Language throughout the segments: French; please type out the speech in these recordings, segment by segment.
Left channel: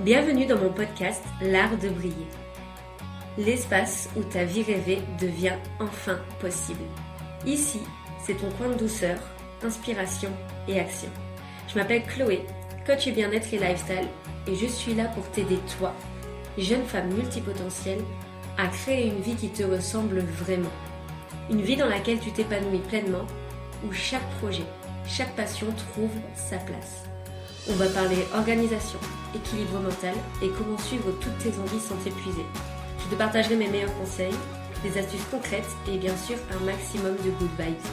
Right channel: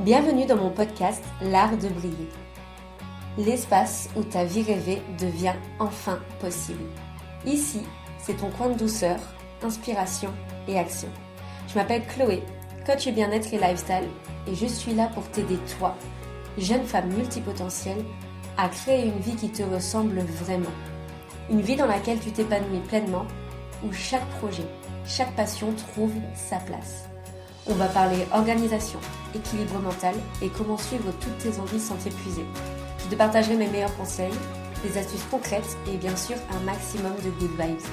Bienvenue dans mon podcast L'Art de Briller, l'espace où ta vie rêvée devient enfin possible. Ici, c'est ton coin de douceur, inspiration et action. Je m'appelle Chloé, coach bien-être et lifestyle, et je suis là pour t'aider toi, jeune femme multipotentielle, à créer une vie qui te ressemble vraiment. Une vie dans laquelle tu t'épanouis pleinement, où chaque projet, chaque passion trouve sa place. On va parler organisation, équilibre mental et comment suivre toutes tes envies sans t'épuiser. Je te partagerai mes meilleurs conseils, des astuces concrètes et bien sûr un maximum de good vibes.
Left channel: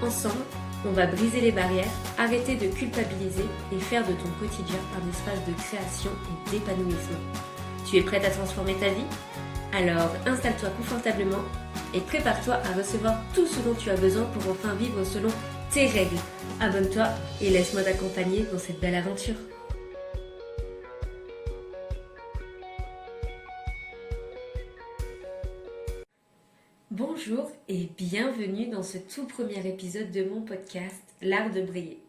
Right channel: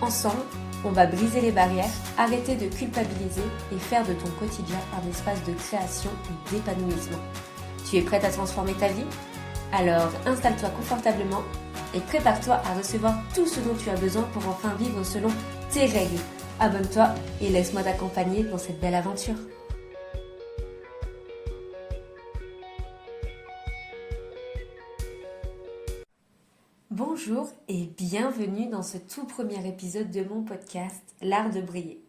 Ensemble, on va briser les barrières, arrêter de culpabiliser et faire de ton quotidien un espace de création et d'épanouissement. Tu es prête à transformer ta vie ? Alors installe-toi confortablement et prépare-toi à recevoir tout ce dont tu as besoin pour enfin vivre selon tes règles. Abonne-toi et laisse-moi t'accompagner dans cette belle aventure. Bonjour et bienvenue dans ce tout premier épisode de mon podcast L'Art de Briller.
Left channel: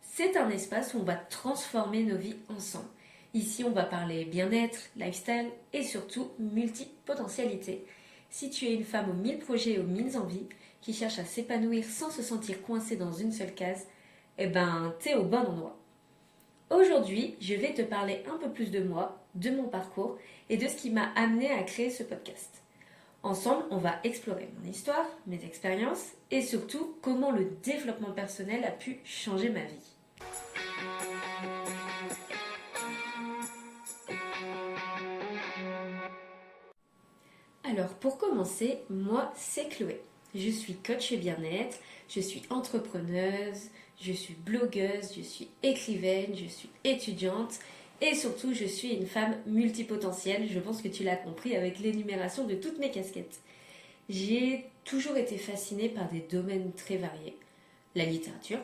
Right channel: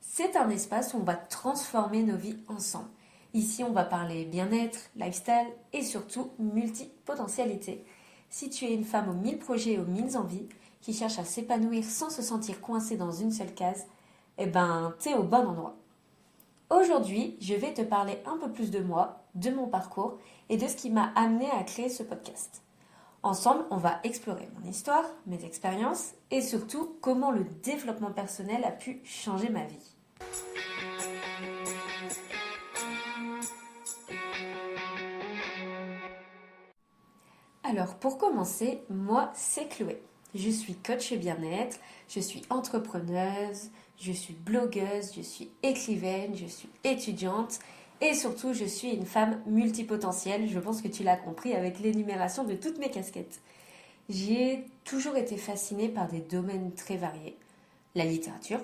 C'est un espace où on va transformer nos vies ensemble. Ici, on va parler bien-être, lifestyle et surtout multipotentialité. Si tu es une femme aux 1000 projets et aux 1000 envies, qui cherche à s'épanouir sans se sentir coincée dans une seule case, t'es au bon endroit. Aujourd'hui, je vais te parler un peu plus de moi, de mon parcours et de ce qui m'a amené à créer ce podcast. Ensemble, on va explorer mon histoire, mes expériences et surtout comment le développement personnel a pu changer ma vie. Alors pour commencer, moi c'est Chloé. Je suis coach bien-être, je suis entrepreneuse, je suis blogueuse, je suis écrivaine, je suis étudiante et surtout je suis une femme multipotentielle. Je pense que tu l'as compris avec l'énumération de toutes mes casquettes. J'ai toujours été fascinée par des domaines très variés. La littérature,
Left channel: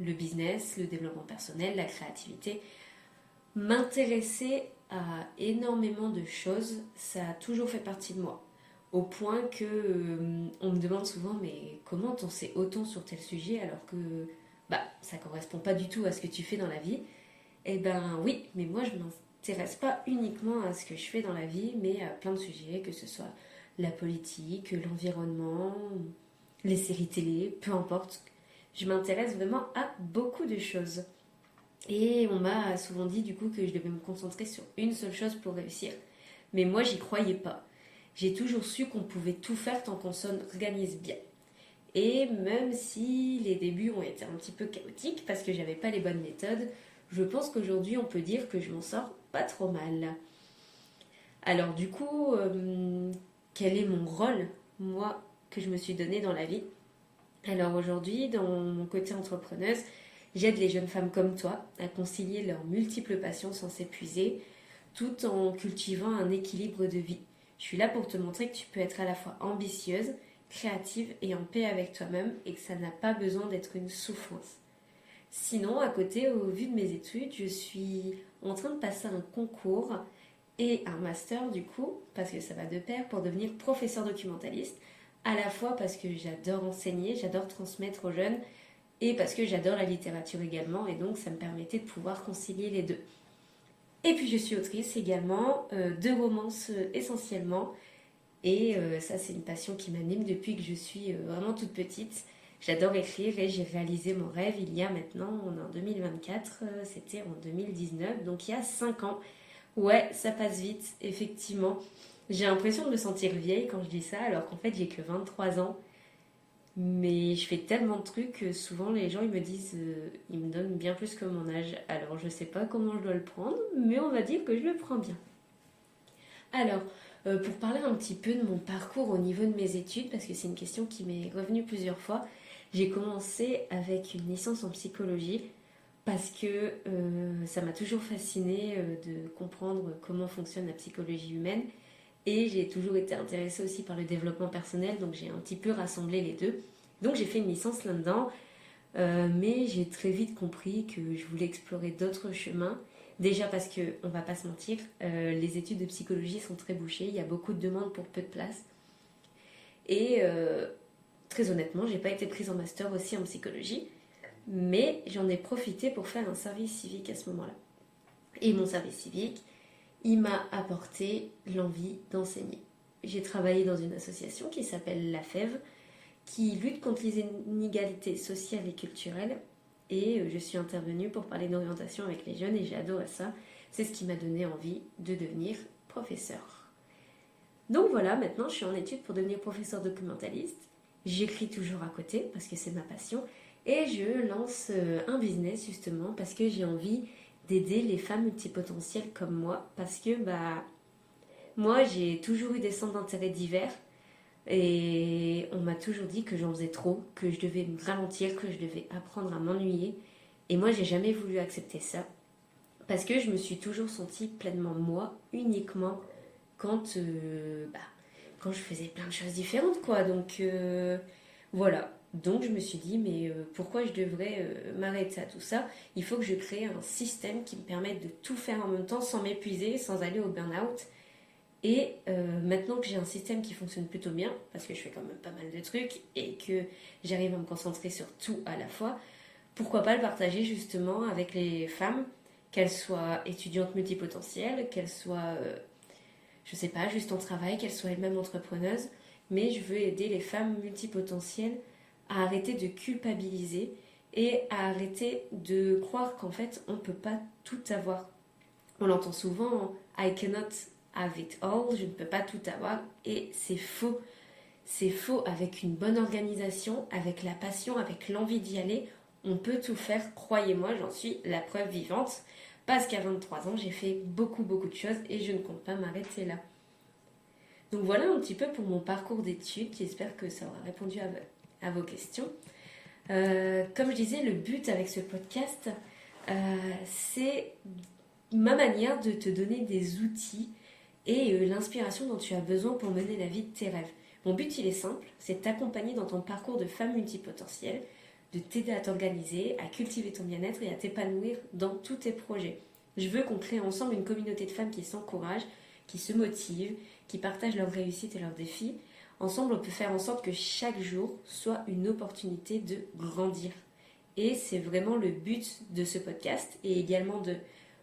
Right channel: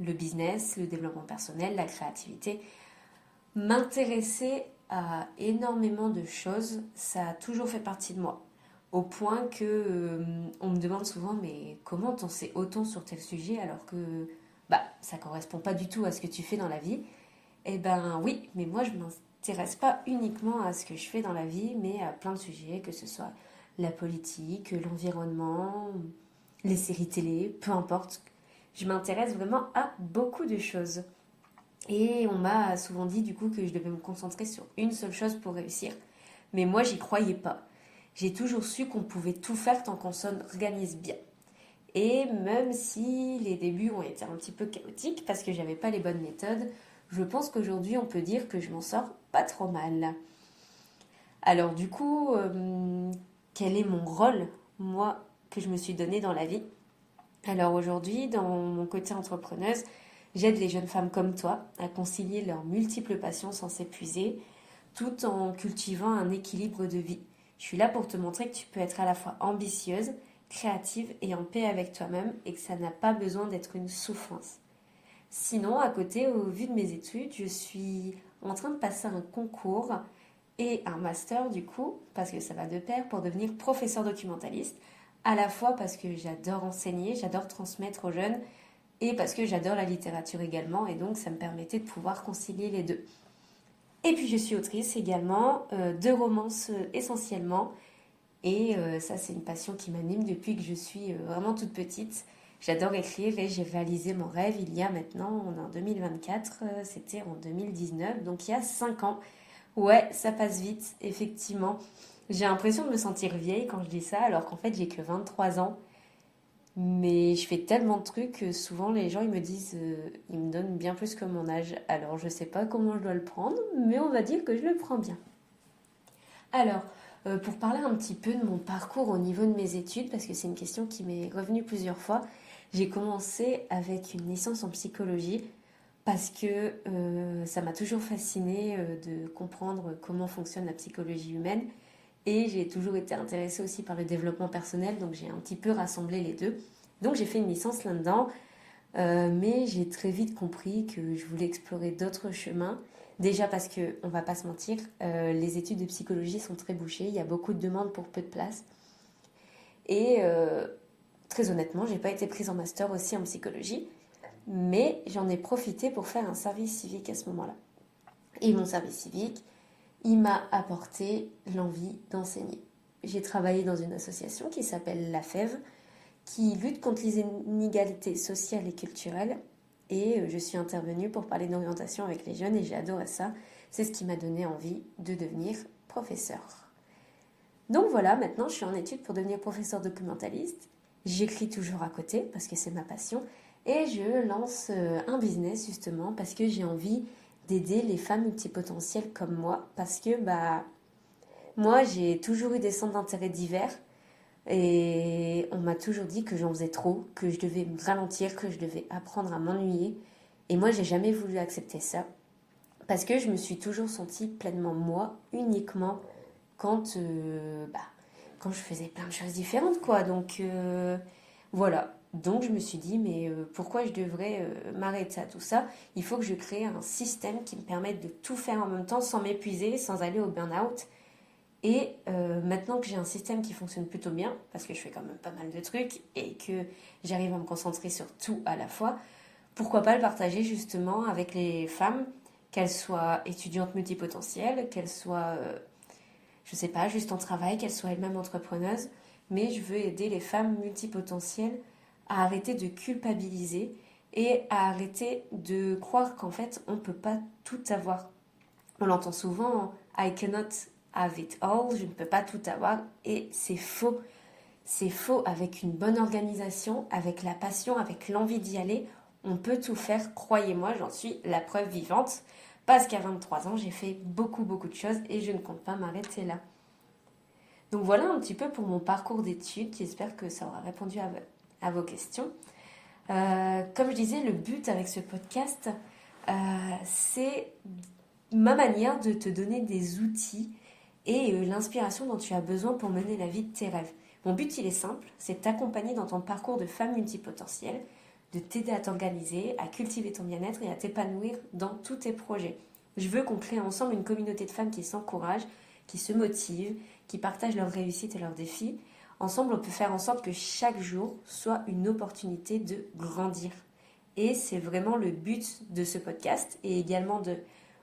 le business, le développement personnel, la créativité. M'intéresser à énormément de choses, ça a toujours fait partie de moi. Au point que on me demande souvent mais comment t'en sais autant sur tel sujet alors que ça correspond pas du tout à ce que tu fais dans la vie. Eh ben oui, mais moi je m'intéresse pas uniquement à ce que je fais dans la vie, mais à plein de sujets, que ce soit la politique, l'environnement, les séries télé, peu importe. Je m'intéresse vraiment à beaucoup de choses. Et on m'a souvent dit du coup que je devais me concentrer sur une seule chose pour réussir. Mais moi j'y croyais pas. J'ai toujours su qu'on pouvait tout faire tant qu'on s'organise bien. Et même si les débuts ont été un petit peu chaotiques parce que j'avais pas les bonnes méthodes, je pense qu'aujourd'hui on peut dire que je m'en sors pas trop mal. Alors du coup, quel est mon rôle, moi, que je me suis donné dans la vie ? Alors aujourd'hui, dans mon côté entrepreneuse, j'aide les jeunes femmes comme toi à concilier leurs multiples passions sans s'épuiser, tout en cultivant un équilibre de vie. Je suis là pour te montrer que tu peux être à la fois ambitieuse, créative et en paix avec toi-même et que ça n'a pas besoin d'être une souffrance. Sinon, à côté, au vu de mes études, je suis en train de passer un concours et un master du coup, parce que ça va de pair, pour devenir professeur documentaliste, à la fois parce que j'adore enseigner, j'adore transmettre aux jeunes et parce que j'adore la littérature également et donc ça me permettait de pouvoir concilier les deux. Et puis je suis autrice également, de romances essentiellement. Et ça, c'est une passion qui m'anime depuis que je suis vraiment toute petite. J'adore écrire et j'ai réalisé mon rêve il y a maintenant, on est en 2024, c'était en 2019, donc il y a 5 ans. Ouais, ça passe vite, effectivement. J'ai l'impression de me sentir vieille quand je dis ça, alors qu'en fait j'ai que 23 ans. Mais je fais tellement de trucs que souvent les gens ils me disent, ils me donnent bien plus que mon âge. Alors je sais pas comment je dois le prendre, mais on va dire que je le prends bien. Alors, pour parler un petit peu de mon parcours au niveau de mes études, parce que c'est une question qui m'est revenue plusieurs fois, j'ai commencé avec une licence en psychologie parce que ça m'a toujours fascinée de comprendre comment fonctionne la psychologie humaine et j'ai toujours été intéressée aussi par le développement personnel, donc j'ai un petit peu rassemblé les deux. Donc j'ai fait une licence là-dedans, mais j'ai très vite compris que je voulais explorer d'autres chemins. Déjà parce que, on va pas se mentir, les études de psychologie sont très bouchées, il y a beaucoup de demandes pour peu de place. Et très honnêtement, j'ai pas été prise en master aussi en psychologie, mais j'en ai profité pour faire un service civique à ce moment-là. Et mon service civique, il m'a apporté l'envie d'enseigner. J'ai travaillé dans une association qui s'appelle la FEV, qui lutte contre les inégalités sociales et culturelles. Et je suis intervenue pour parler d'orientation avec les jeunes et j'ai adoré ça. C'est ce qui m'a donné envie de devenir professeur. Donc voilà, maintenant je suis en études pour devenir professeur documentaliste. J'écris toujours à côté parce que c'est ma passion. Et je lance un business justement parce que j'ai envie d'aider les femmes multipotentielles comme moi. Parce que moi j'ai toujours eu des centres d'intérêt divers. Et on m'a toujours dit que j'en faisais trop, que je devais me ralentir, que je devais apprendre à m'ennuyer. Et moi, j'ai jamais voulu accepter ça. Parce que je me suis toujours sentie pleinement moi, uniquement quand, quand je faisais plein de choses différentes, quoi. Donc, voilà. Donc, je me suis dit, mais pourquoi je devrais m'arrêter à tout ça? Il faut que je crée un système qui me permette de tout faire en même temps, sans m'épuiser, sans aller au burn-out. Et maintenant que j'ai un système qui fonctionne plutôt bien, parce que je fais quand même pas mal de trucs et que j'arrive à me concentrer sur tout à la fois, pourquoi pas le partager justement avec les femmes, qu'elles soient étudiantes multipotentielles, qu'elles soient, je sais pas, juste en travail, qu'elles soient elles-mêmes entrepreneuses, mais je veux aider les femmes multipotentielles à arrêter de culpabiliser et à arrêter de croire qu'en fait on ne peut pas tout avoir. On l'entend souvent, I cannot have it all, je ne peux pas tout avoir, et c'est faux. C'est faux. Avec une bonne organisation, avec la passion, avec l'envie d'y aller, on peut tout faire, croyez-moi, j'en suis la preuve vivante, parce qu'à 23 ans, j'ai fait beaucoup de choses et je ne compte pas m'arrêter là. Donc voilà un petit peu pour mon parcours d'études, j'espère que ça aura répondu à vos questions. Comme je disais, le but avec ce podcast, c'est ma manière de te donner des outils et l'inspiration dont tu as besoin pour mener la vie de tes rêves. Mon but, il est simple, c'est de t'accompagner dans ton parcours de femme multipotentielle, de t'aider à t'organiser, à cultiver ton bien-être et à t'épanouir dans tous tes projets. Je veux qu'on crée ensemble une communauté de femmes qui s'encouragent, qui se motivent, qui partagent leurs réussites et leurs défis. Ensemble, on peut faire en sorte que chaque jour soit une opportunité de grandir. Et c'est vraiment le but de ce podcast et également de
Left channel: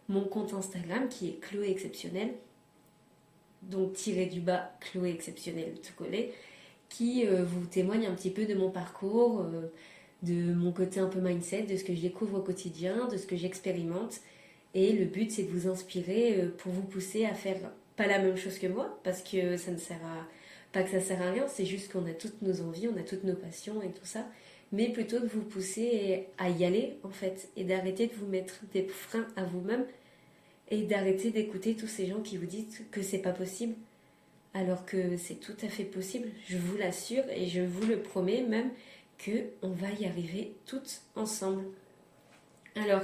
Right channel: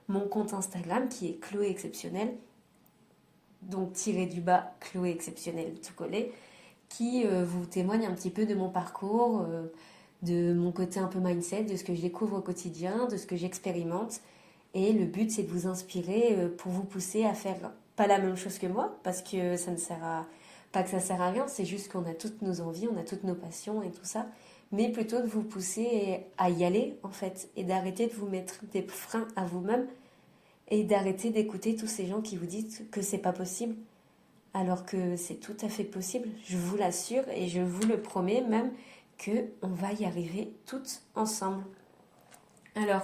mon compte Instagram qui est Chloé Exceptionnelle, donc tiré du bas Chloé Exceptionnelle tout collé, qui vous témoigne un petit peu de mon parcours, de mon côté un peu mindset, de ce que je découvre au quotidien, de ce que j'expérimente. Et le but, c'est de vous inspirer pour vous pousser à faire pas la même chose que moi, parce que ça ne sert à... Pas que ça sert à rien, c'est juste qu'on a toutes nos envies, on a toutes nos passions et tout ça, mais plutôt de vous pousser à y aller, en fait, et d'arrêter de vous mettre des freins à vous-même, et d'arrêter d'écouter tous ces gens qui vous disent que c'est pas possible, alors que c'est tout à fait possible, je vous l'assure, et je vous le promets même, qu'on va y arriver toutes ensemble. Alors,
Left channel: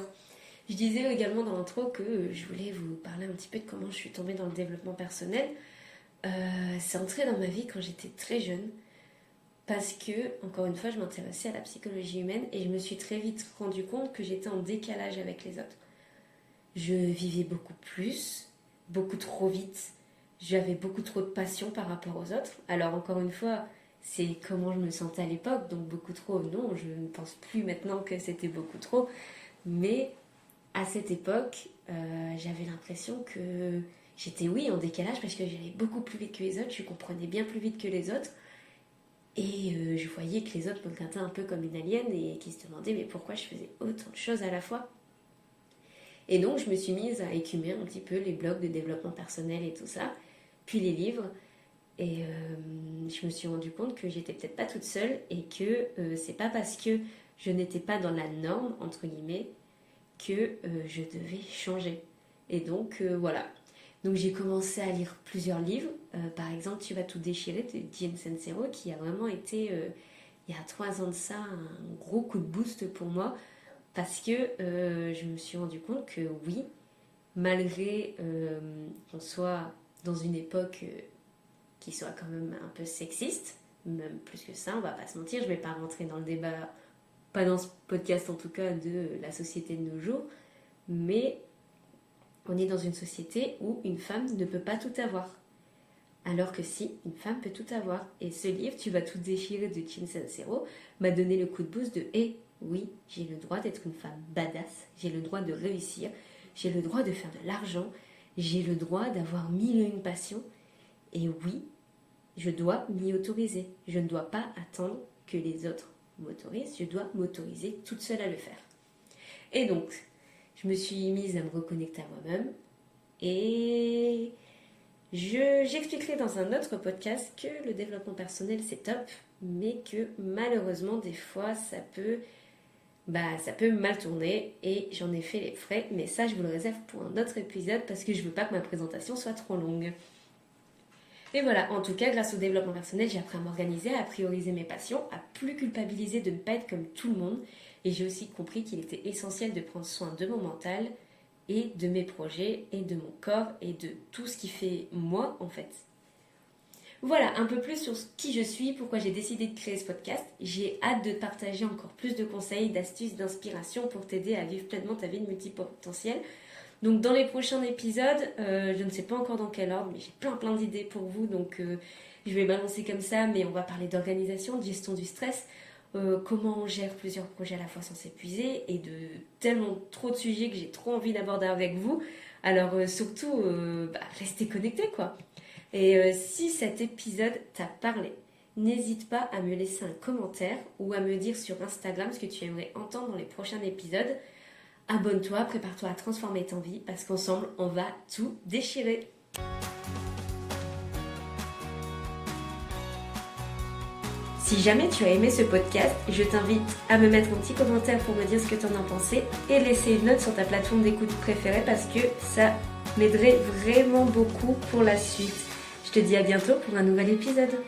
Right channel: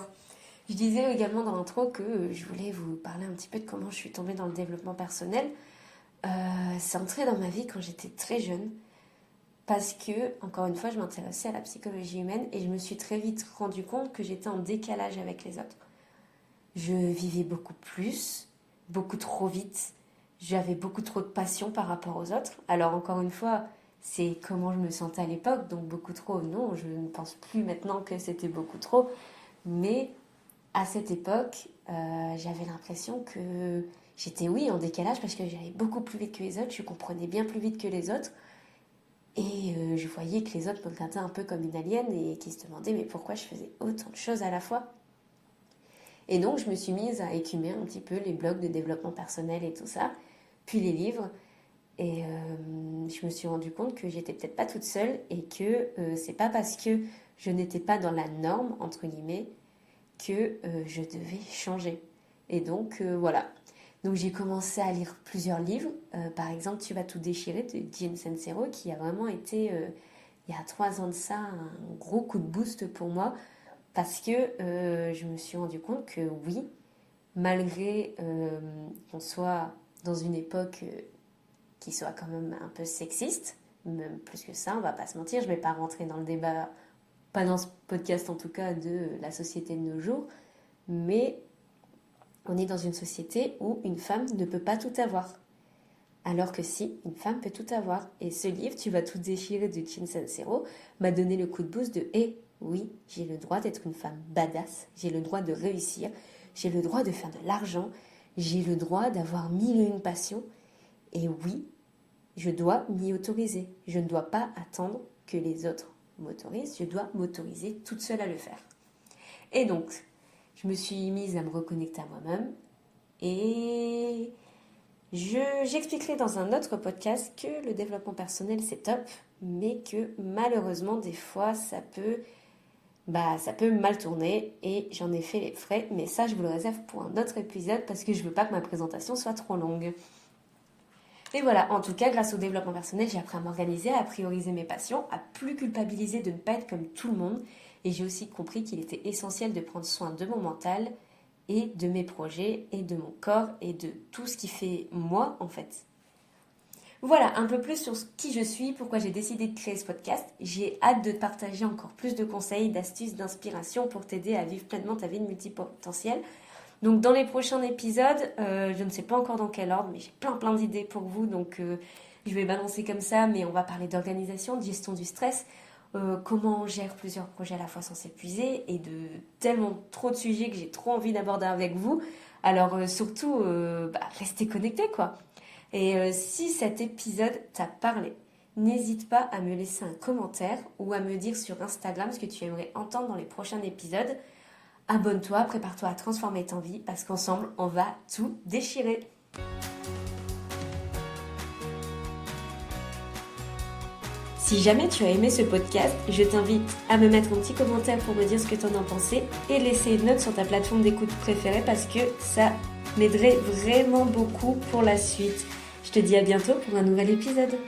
je disais également dans l'intro que je voulais vous parler un petit peu de comment je suis tombée dans le développement personnel. C'est entré dans ma vie quand j'étais très jeune parce que, encore une fois, je m'intéressais à la psychologie humaine et je me suis très vite rendu compte que j'étais en décalage avec les autres. Je vivais beaucoup plus, beaucoup trop vite. J'avais beaucoup trop de passion par rapport aux autres. Alors, encore une fois, c'est comment je me sentais à l'époque, donc beaucoup trop, non, je ne pense plus maintenant que c'était beaucoup trop. Mais à cette époque, j'avais l'impression que j'étais, oui, en décalage parce que j'allais beaucoup plus vite que les autres, je comprenais bien plus vite que les autres. Et je voyais que les autres me regardaient un peu comme une alien et qui se demandaient mais pourquoi je faisais autant de choses à la fois. Et donc je me suis mise à écumer un petit peu les blogs de développement personnel et tout ça, puis les livres. Et je me suis rendu compte que j'étais peut-être pas toute seule et que c'est pas parce que je n'étais pas dans la norme, entre guillemets, que je devais changer. Et donc voilà. Donc j'ai commencé à lire plusieurs livres. Par exemple, Tu vas tout déchirer de Jim Sincero, qui a vraiment été, il y a 3 ans de ça, un gros coup de boost pour moi. Parce que je me suis rendu compte que oui, malgré qu'on soit dans une époque qui soit quand même un peu sexiste, même plus que ça, on va pas se mentir, je vais pas rentrer dans le débat, pas dans ce podcast en tout cas, de la société de nos jours, mais on est dans une société où une femme ne peut pas tout avoir. Alors que si, une femme peut tout avoir. Et ce livre, Tu vas tout déchirer de Jim Sincero, m'a donné le coup de boost de oui, j'ai le droit d'être une femme badass, j'ai le droit de réussir, j'ai le droit de faire de l'argent, j'ai le droit d'avoir mille et une passions. Et oui, je dois m'y autoriser. Je ne dois pas attendre que les autres m'autorisent, je dois m'autoriser toute seule à le faire. Et donc, je me suis mise à me reconnecter à moi-même et j'expliquerai dans un autre podcast que le développement personnel c'est top, mais que malheureusement des fois ça peut mal tourner et j'en ai fait les frais, mais ça je vous le réserve pour un autre épisode parce que je veux pas que ma présentation soit trop longue. Et voilà, en tout cas, grâce au développement personnel, j'ai appris à m'organiser, à prioriser mes passions, à plus culpabiliser de ne pas être comme tout le monde. Et j'ai aussi compris qu'il était essentiel de prendre soin de mon mental et de mes projets et de mon corps et de tout ce qui fait moi, en fait. Voilà, un peu plus sur qui je suis, pourquoi j'ai décidé de créer ce podcast. J'ai hâte de te partager encore plus de conseils, d'astuces, d'inspiration pour t'aider à vivre pleinement ta vie de multipotentiel. Donc dans les prochains épisodes, je ne sais pas encore dans quel ordre, mais j'ai plein d'idées pour vous, donc je vais balancer comme ça, mais on va parler d'organisation, de gestion du stress, comment on gère plusieurs projets à la fois sans s'épuiser, et de tellement trop de sujets que j'ai trop envie d'aborder avec vous. Alors surtout, restez connectés quoi. Et si cet épisode t'a parlé, n'hésite pas à me laisser un commentaire ou à me dire sur Instagram ce que tu aimerais entendre dans les prochains épisodes. Abonne-toi, prépare-toi à transformer ta vie parce qu'ensemble, on va tout déchirer. Si jamais tu as aimé ce podcast, je t'invite à me mettre un petit commentaire pour me dire ce que tu en as pensé et laisser une note sur ta plateforme d'écoute préférée parce que ça m'aiderait vraiment beaucoup pour la suite. Je te dis à bientôt pour un nouvel épisode.